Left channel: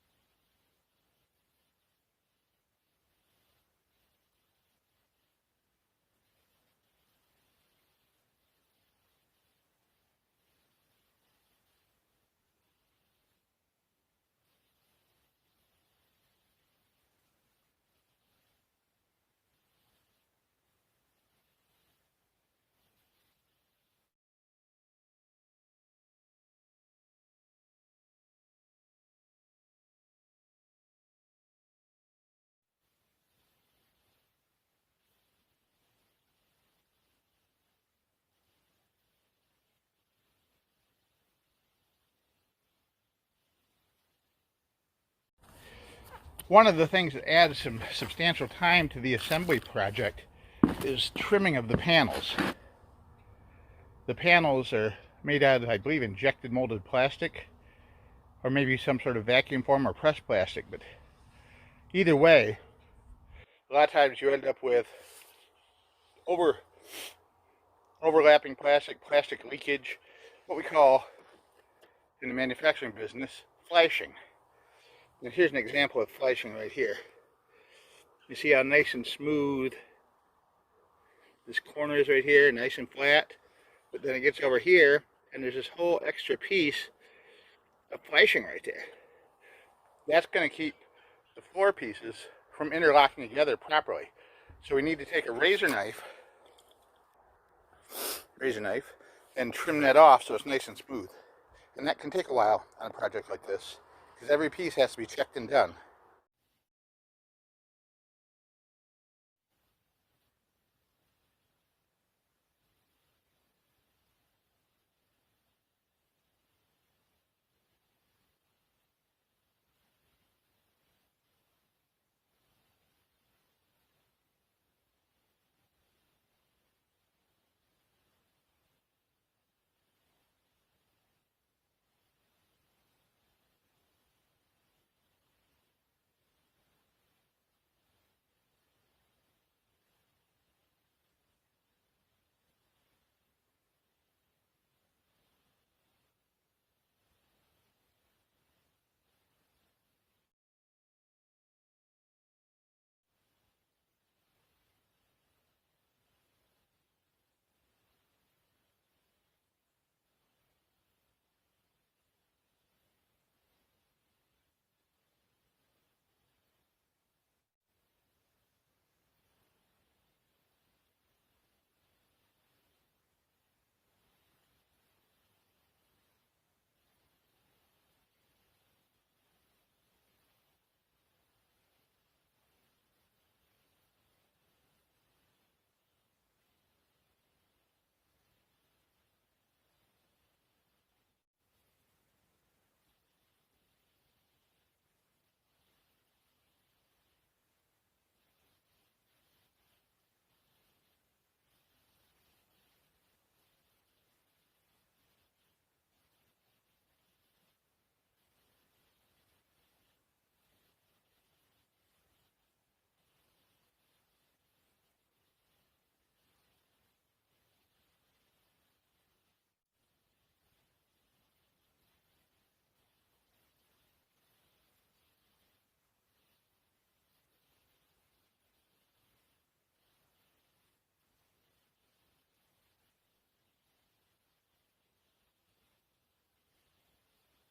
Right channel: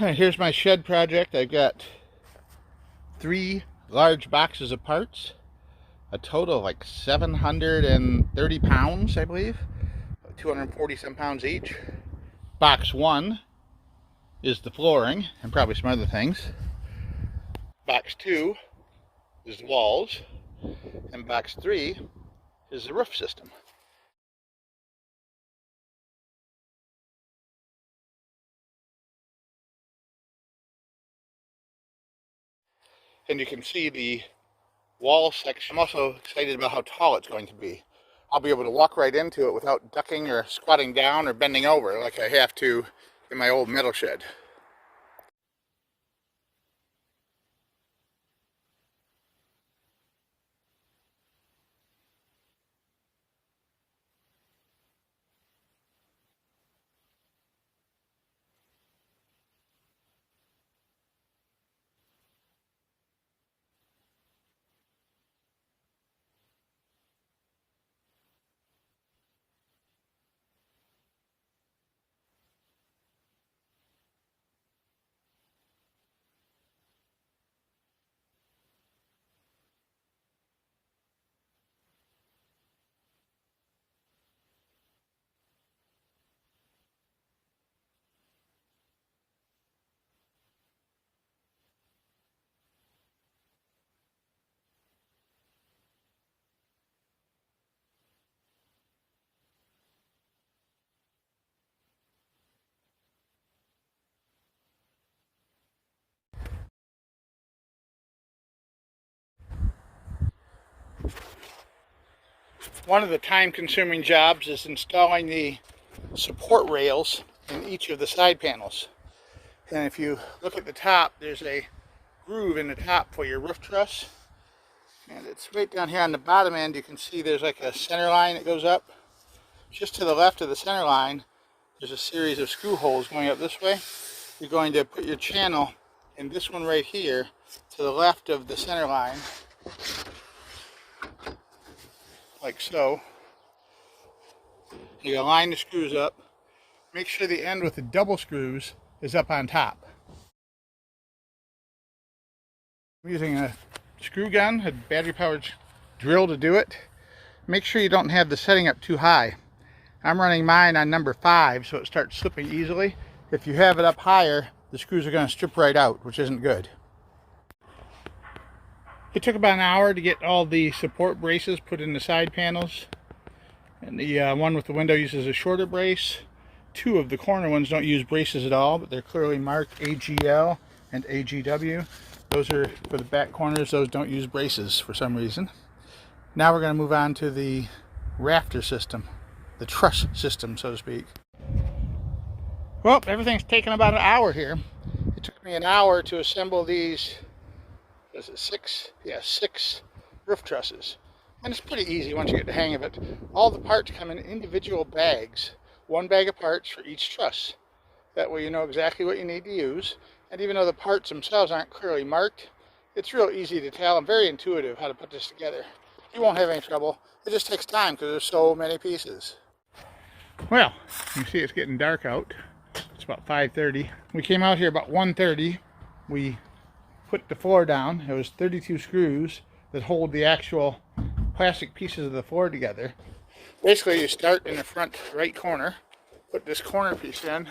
Here's my shed project. I've got 3 large boxes of parts, a total of like 730 pounds, I believe, 240 some pounds each. Box 1 is the flooring and probably some other things. Box 2 is the walls, and box 3 is the roof system. And you can see the wall section. I'm also excited about how tall it's going to be. I'll be able to walk right into it without ducking or squatting down or bending over like I have to in my old metal shed. One of the things that adds some substantial time to the assembly project is trimming of the panels. The panels are made out of, I believe, injected molded plastic, or maybe some sort of vacuum form or pressed plastic, but either way, a lot of times you end up with overlapping plastic leakage, what we call in the manufacturing business flashing. And here's an example of flashing right here. You see how nice and smooth this corner is right here, nice and flat, but then it gets over here and there's this whole extra piece of flashing right there. That's going to keep the floor pieces from interlocking together properly. So we need to take a razor knife and trim that off so it's nice and smooth. And that can take a while on a project like this, because every piece has to be checked and done. One of the time-consuming jobs is installing the support rails in each of the side panels. And if you look at the top, there's a groove in the top for your roof truss. And it's right down here on the bottom end. You can see there's like a center line that goes up. Just to the left of the center line, there's a series of screw holes going up this way. You're going to put your channel in this one right here to the left of the center line, like so. You line the screws up. Make sure the end with the double screws is up on top. I'm using a screw gun, a battery powered drill to do it. Make sure you don't have the setting up too high. I'm running mine on number 5 so it starts slipping easily. If you have it up higher, the screws are going to strip right out, which isn't good. It took about an hour to get all the support braces put in the side panels. And the one with the window uses a shorter brace. 2 of the corner ones don't use braces at all, but they're clearly marked AGL and AGW. Those are for the back corners. Those don't use braces for some reason. Now we're going to move on to the rafter system, the truss system, so to speak. Well, everything's taken about an hour here. It took me an hour to assemble these, is it 6? Yeah, 6 roof trusses. And it's pretty easy once you get the hang of it. All the parts come in individual bags. 1 bag of parts for each truss. That way you know exactly what you need to use. And even though the parts themselves aren't clearly marked, it's real easy to tell and very intuitive how to put this together. You won't have any trouble. It just takes time because there's so many pieces. Well, you see it's getting dark out. It's about 5:30. We came out here about 1:30. We put the floor down. It was 32 screws that hold the actual plastic pieces of the floor together. Basically, you start in the front right corner, put this corner piece in,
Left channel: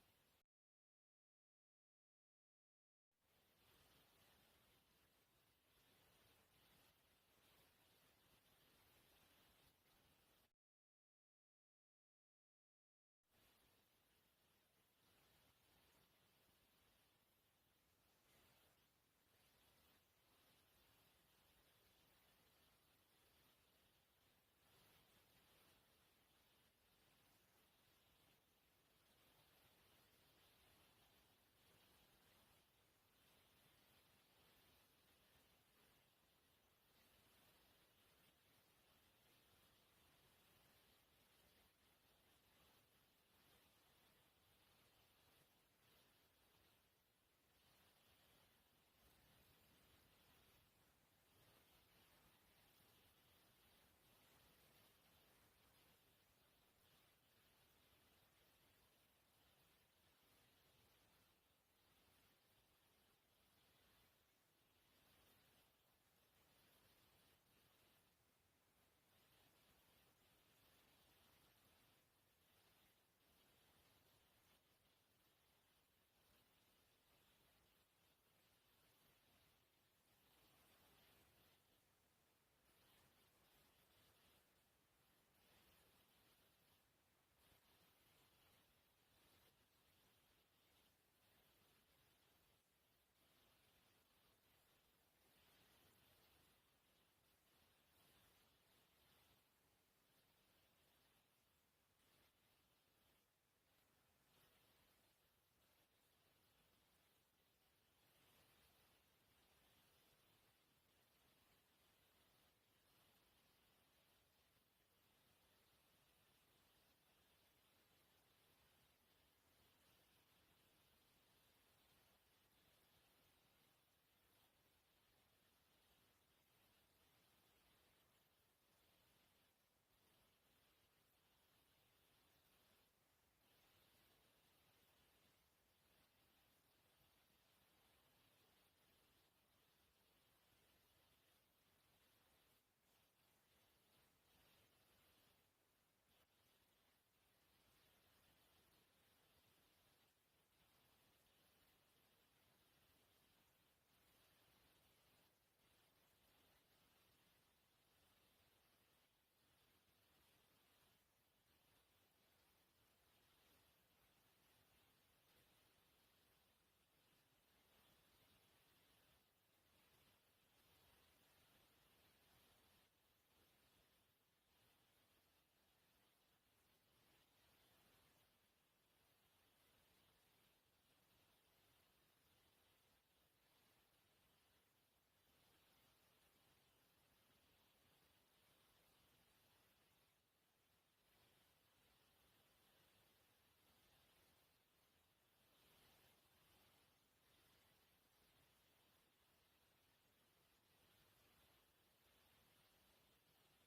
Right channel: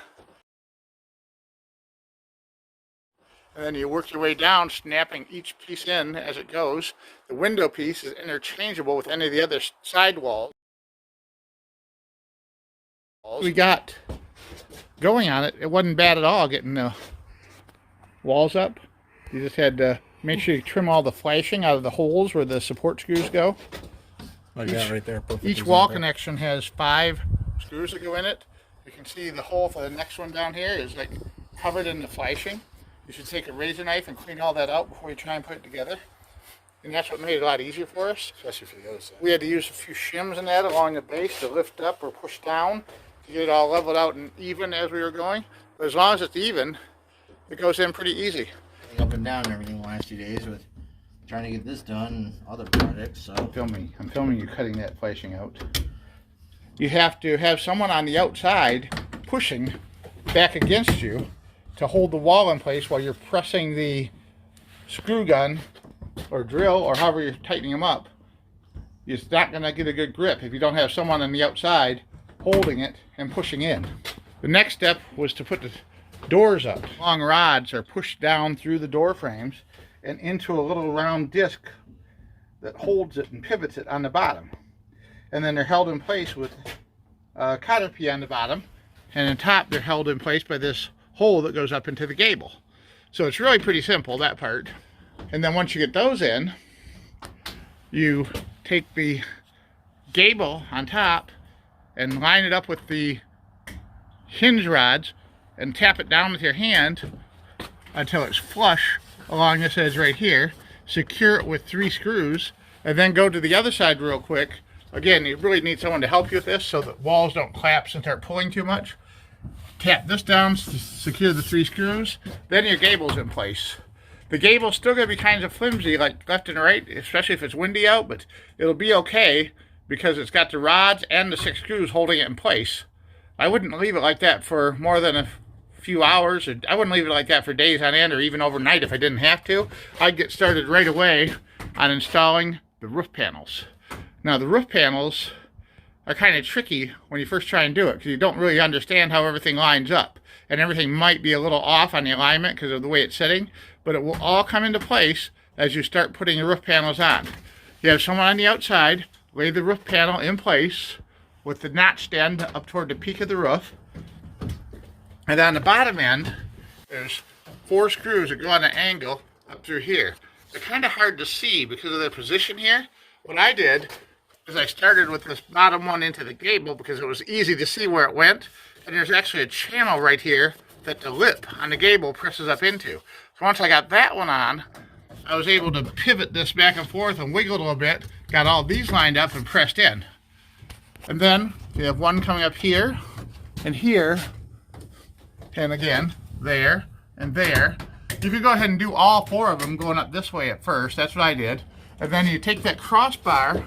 and then you work your way down, snapping each piece in as it goes. The window piece is interchangeable with any of the other side walls. We got going on it. It wasn't bad at all getting the walls up. You just had to make sure you trim all the flashing out of the holes where the support screws go. Like that right there. Perfect each wall connection has 5 screws that go in it. You can see the hole for the next one down here is like covered in the flashing. You should take a razor knife and clean all that out before you try and put it together. And that's what made it a lot easier for us. Especially for the other side. We had to use a few shims in that along the base to lift up or push down to get it all leveled out and even as we were going. But as long as it's even, it goes in pretty easy. Up and down and everything the last 2 days with trying to get this done and other projects. So I'm filming you cutting that flashing out. You have to have someone on the outside pushing back against you to hold the wall in place while you're pressing the screw gun or drill or however you're tightening them up. It's not going to get a good grip if you don't have someone on the outside holding it and pushing in. The next step was to put the doors up. Long rods are pushed down through the door frames and into a little round disc that holds it and pivots it on the bottom. And then they're held in place with a cotter pea on the bottom, and on top they're held in place by this hole that goes up into the gable. So it's really pretty simple, that part. And then once you get those in, you take the gable on top and line it up with the hinge rods and tap it down with your hand until it's flush along this edge right here. Secure it with 3 screws, and then go to the other side real quick. Again, you really need someone to help you with this so that walls don't collapse and start pulling too much. Tap this down to secure the 3 screws, then your gable's in place. The gable's still going to be kind of flimsy, like left and right, especially if it's windy out, but it'll be okay because it's got the rods and the 6 screws holding it in place. I wouldn't leave it like that for more than a few hours, or I wouldn't leave it like that for days on end or even overnight if I didn't have to. I'd get started right away on installing the roof panels. Now the roof panels are kind of tricky when you first try and do it because you don't really understand how everything lines up, and everything might be a little off on the alignment because of the way it's sitting, but it will all come into place as you start putting your roof panels on. You have someone on the outside lay the roof panel in place with the notched end up toward the peak of the roof, and on the bottom end there's 4 screws that go on an angle up through here. They're kind of hard to see because of their position here. What I did is I started with this bottom one into the gable because it was easy to see where it went, and there's actually a channel right here that the lip on the gable presses up into. So once I got that one on, I was able to pivot this back and forth and wiggle it a little bit, got all these lined up and pressed in. And then you have one coming up here, and again, there, and there. You could go ahead and do all 4 of them going up this way at first. That's what I did. And then you take that crossbar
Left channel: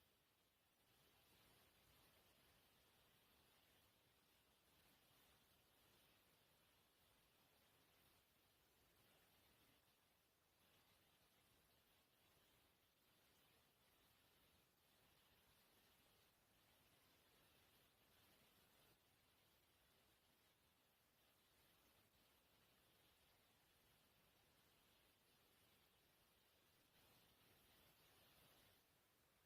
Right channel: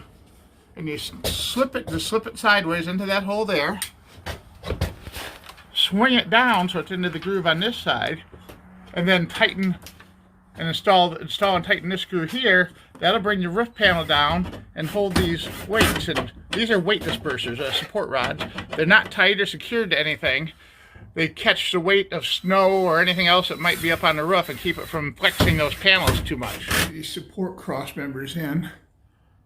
and you slip it sideways into that hole there. Swing it down so it's into the groove on this side, and then tighten and install and tighten this screw here. That'll bring your roof panel down and hold these weights. And these are weight dispersers, support rods. They're not tight or secured to anything. They catch the weight of snow or anything else that might be up on the roof and keep it from flexing those panels too much. These support cross members in,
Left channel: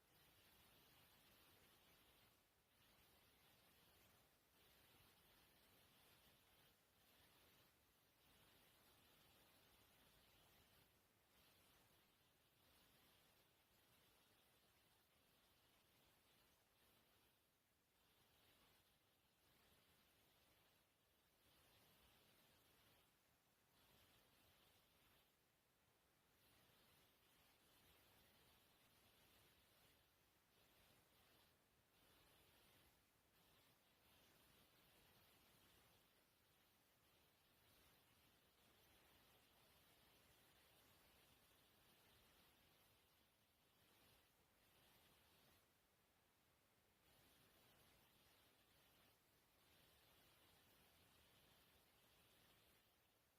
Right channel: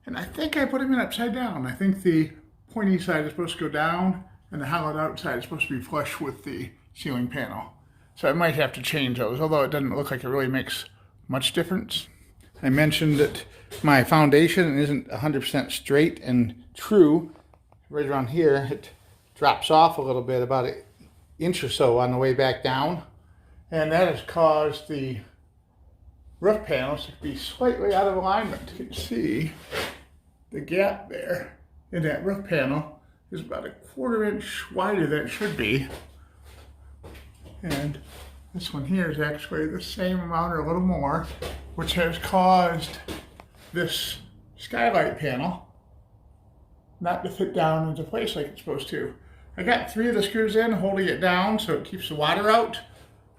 and I think I put them in upside down. I think the pointy side is supposed to go down and the hollowed out side is supposed to be flush with the ceiling panel. So I might have to change those, although it doesn't look like it really makes much difference. I mentioned that my foundation isn't 100% straight and true. Right around here it drops off a little bit, about an inch or so on the way back down, and that has caused the roof panels to be slightly out of alignment. You can see the gap there in that roof panel is about a 1/4 inch wider than it should be, and this one here is actually the same amount or a little more, which has caused this skylight panel not to fit down into place like it's supposed to. I got 3 of the screws in, holding it down so it keeps the water out.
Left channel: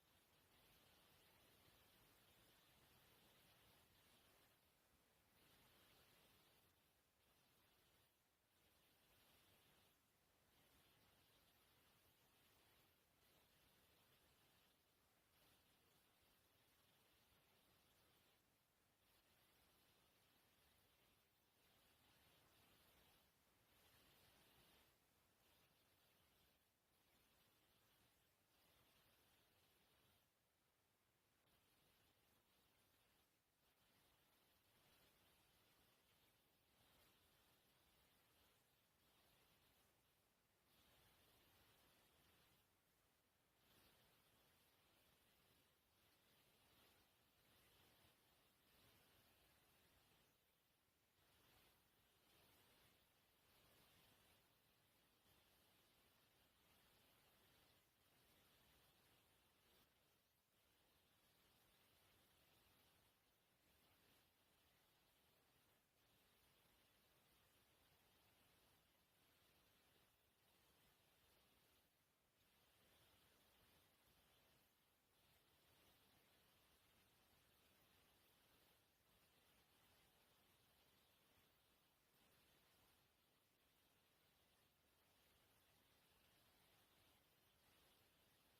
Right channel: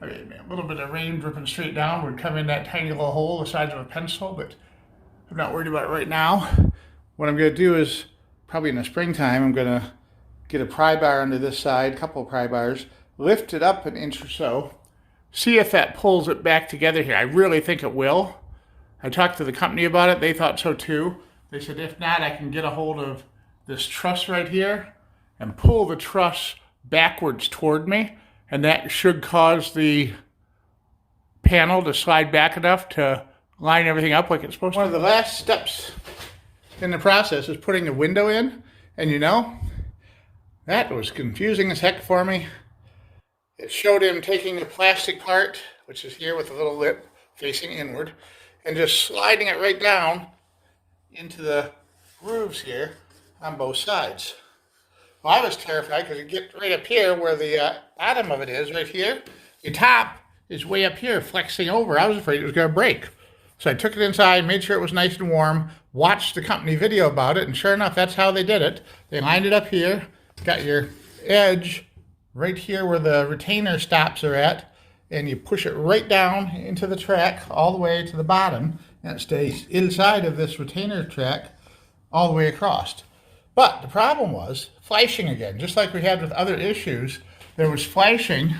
I mean, a little bit of rain dripping straight down would come in that tiny little hole the size of a pencil, but I'm not worried about it right now. What I'm going to do is, probably in the springtime, I'm going to get a pry bar under this side, a couple of pry bars, lift it up an inch or so, see if that pulls it back together here. I really think it will. I talked to the company about it. They thought so too. They said if not, I can get a hold of this truss right here and pull the truss backwards toward me, and that should cause the panel to slide back enough to line everything up like it's supposed to. One of the last steps in the process is putting the window in, and you know, that was confusing as heck for me. It showed him taking the plastic part, which is here with a little lip facing inward, and just sliding it right down into the grooves here on both sides. Well, I was terrified because you get right up here where the bottom of it is, right here. The top is way up here, flexing over. I was afraid it was going to break. So I took it inside, made sure it was nice and warm, watched the company video about it, and sure enough, that's how they did it. They lined it up here, got your edge right here where the retainer stops are at, and you push it right down into the track all the way to the bottom, and it stays inside of this retainer track all the way across. But the problem was flashing again. Just like we had with other issues, there was flashing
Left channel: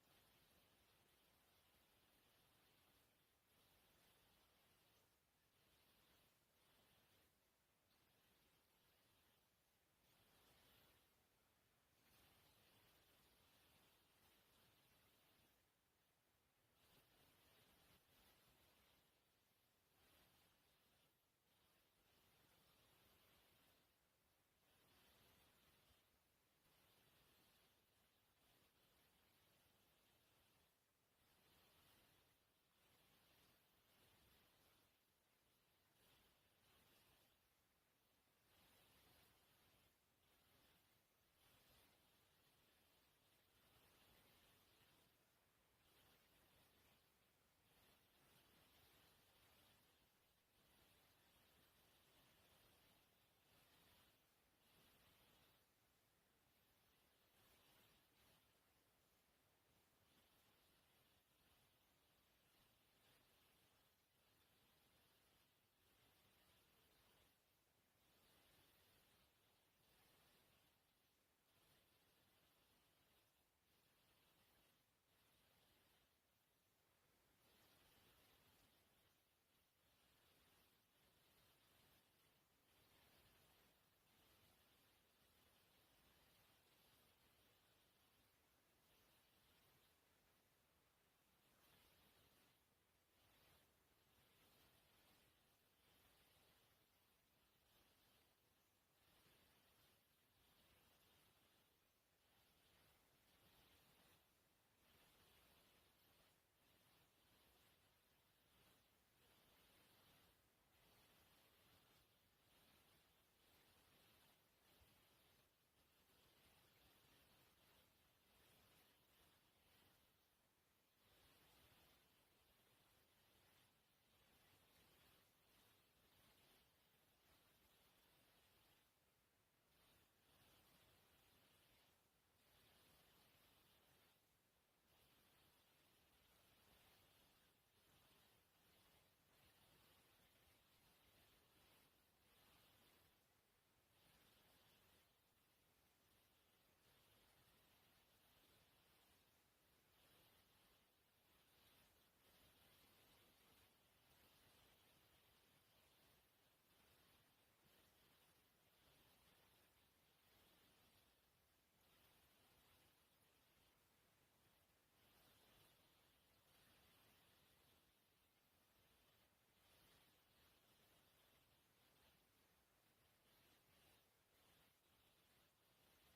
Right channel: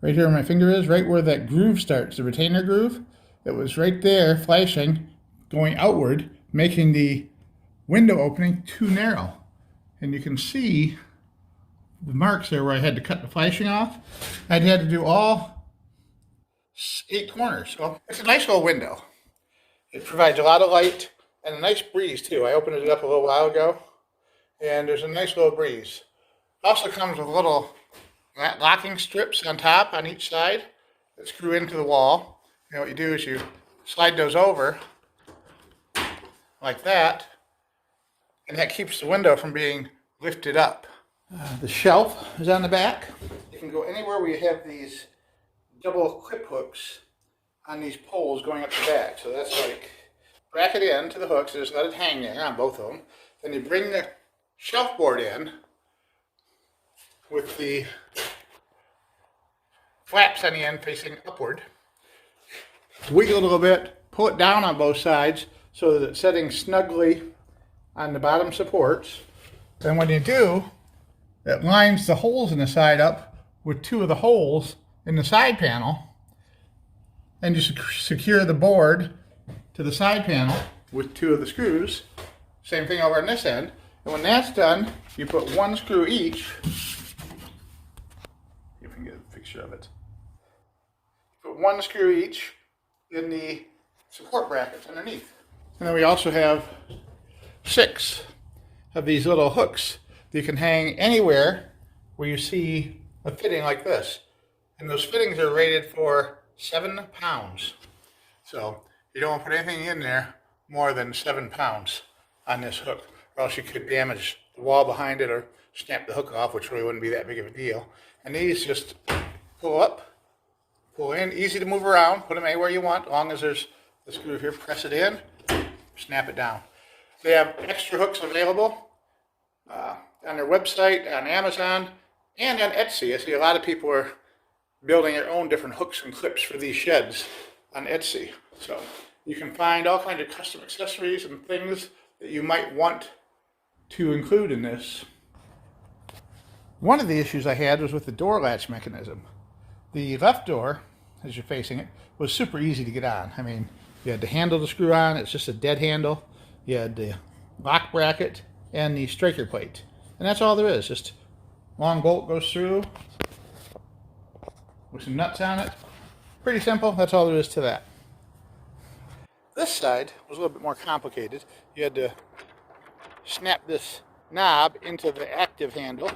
right here where my finger is, right where that groove starts, the retainer groove. It was right there flashing, going outward, making the window opening too narrow. And you can see the marks there where I had to cut the flashing off. I'd had to do all 8 corners. So it's a nice little window. It provides a lot of light and a nice breeze too. I opened it up a little while ago, and there's a nice little breeze. It also comes with little locking strips on top on each side that screw into the wall. And what you do is you slide those over like that, and that keeps the window from being lifted up. The shelf is on the back. You can go anywhere where you have these double clip hooks on these poles going up the back. So that's like, bracket in to the hooks, just let it hang there on both of them. Then you bring the shelf board in with the flaps on the end facing upward. Wiggle it a little bit, pull it down on both sides so that it's setting snugly on the bottom supports. Then when you do, it lines the holes in the side up with 2 of the holes in the side panel, and you secure the board to the side panel with 2 of the screws. Same thing over on this end. And when that's done, you put 1 screw each. See if we can get a picture of it. Put 1 screw each in the support brackets underneath. And then we also have 6 of these little hooks that you can hang anywhere where you see a fitting like this. And those fittings are rated for 7 pounds. So you don't want to put anything in there more than 7 pounds on this hook, or else you could damage the wall behind it or snap the hook off, which really wouldn't be that big of a deal. And these just pull up, pull in, easy to move around, put them anywhere you want, as long as there's the screw here, press it in, snap it down. They have extra hooks available on their website, on Amazon, and on Etsy. I see a lot of people are building their own different hooks and clips for these sheds on Etsy. So you can find all kinds of custom accessories and things that you might want to include in this. One of the issues I had was with the door latch mechanism. The left door, as you're facing it, was super easy to get on. I mean, you had the handle to screw on, it's just a dead handle. You had the lock bracket and the striker plate. And that's all there is, just long bolt goes through with some nuts on it. Pretty simple, that's all there is to that. This side was a little bit more complicated. You had to snap this knob into the active handle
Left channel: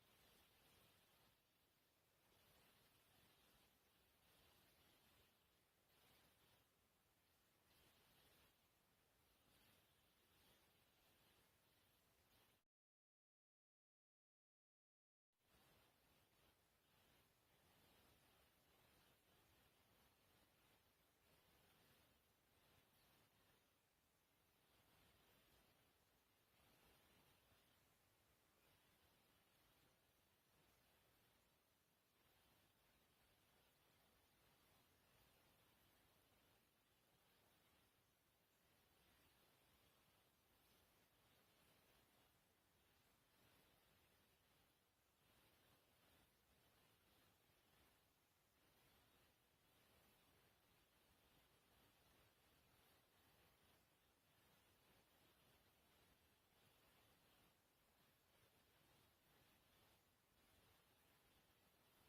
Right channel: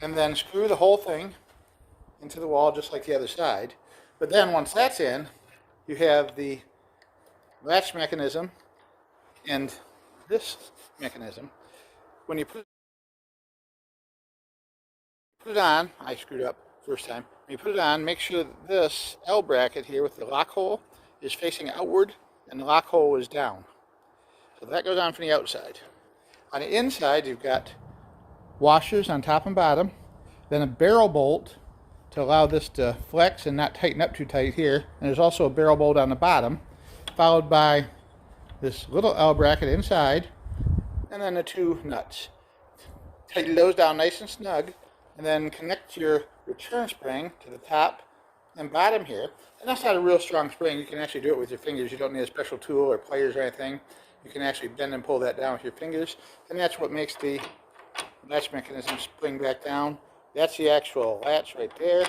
and then screw the whole thing into the wall just like the other side. But then once that's in, you have the latch mechanism and this mechanism. When you put it on, I screwed up first time. When you put it on, make sure that this L bracket here with the lock hole is facing outward and the lock hole is down. So that goes on from the outside. On the inside, you've got washers on top and bottom, then a barrel bolt to allow this to flex and not tighten up too tight here. And there's also a barrel bolt on the bottom, followed by this little L bracket inside, and then the 2 nuts. Tighten those down nice and snug, and then connect your return spring to the top and bottom here. And that's not a real strong spring. You can actually do it with your fingers. You don't need a special tool or pliers or anything. You can actually bend and pull that down with your fingers. And that's what makes the latch mechanism spring back down. That's the actual latch right there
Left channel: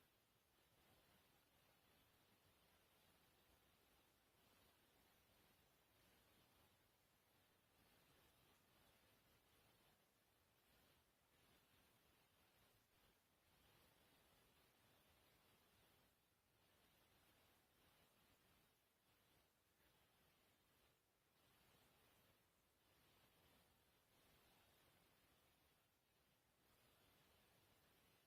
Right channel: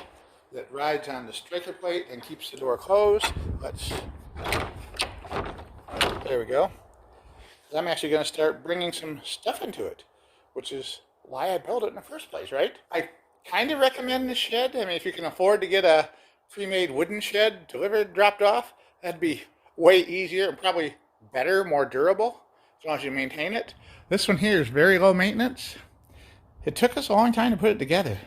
that rides on the striker plate and keeps the door closed. There we go. I'm actually going to start bringing some stuff into it, which is why I built it in the first place, right? I kind of recommend this shed. I mean, if you can afford to get a pre-made wooden shed delivered, dropped off, that'd be way easier and probably better, more durable, as long as you maintain it. This one here is very low maintenance. It took us a long time to put it together.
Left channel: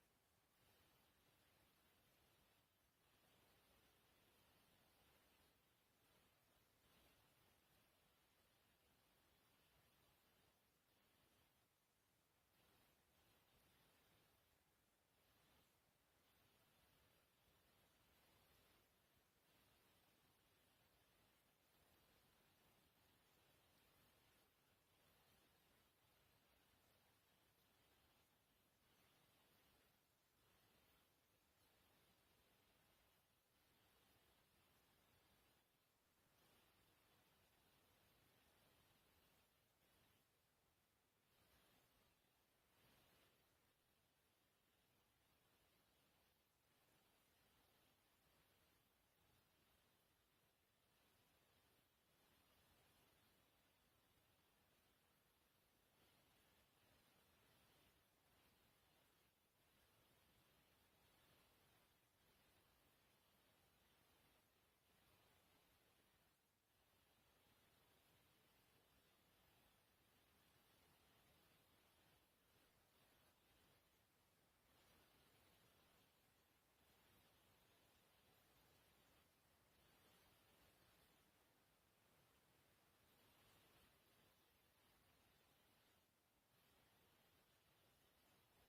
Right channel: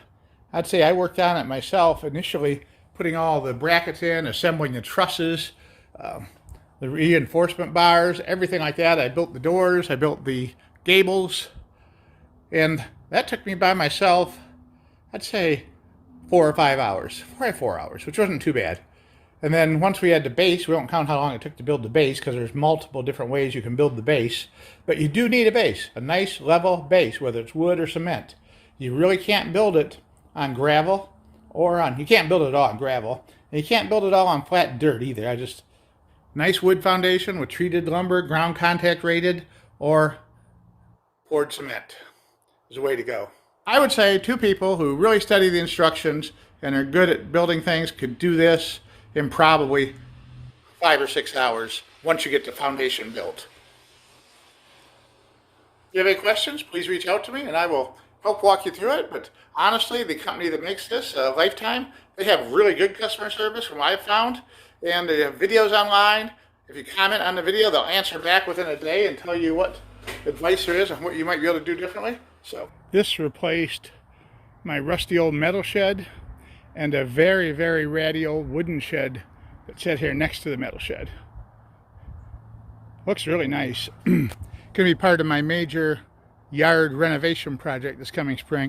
I'd say I worked on it myself, initially putting all the brackets in, assembling the trusses, the reinforcement bars, everything like that. I built the doors, I built the gables, and that took me by myself, I'd say 4 or 5 hours, probably 4 hours, which wasn't too bad. And then once we had the base, we don't count how long it took to build the base because there's multiple different ways you can build the base. But you do need a base, a nice level base, whether it's wood or cement. You really can't build it on gravel or on, you can't build it all on gravel. And you can't build it all on flat dirt either. Nice wood foundation with treated lumber, ground contact rated, or poured cement is the way to go. I would say 2 people who really study the instructions and are good at building things could do this in probably 5 or 6 hours once you get the foundation built. If you have any questions, please reach out to me and I will help walk you through it. But honestly, the company that makes this, Lifetime, they have really good customer service from what I've found. And they have videos online. If you comment on the video, they'll answer back within a day and tell you what advice there is and what you might be able to do differently. So this replaced my rusty old metal shed and a very, very ratty old wooden shed that sat here next to the metal shed. Looks really nice. Going to be part of my major yard renovation project this coming spring.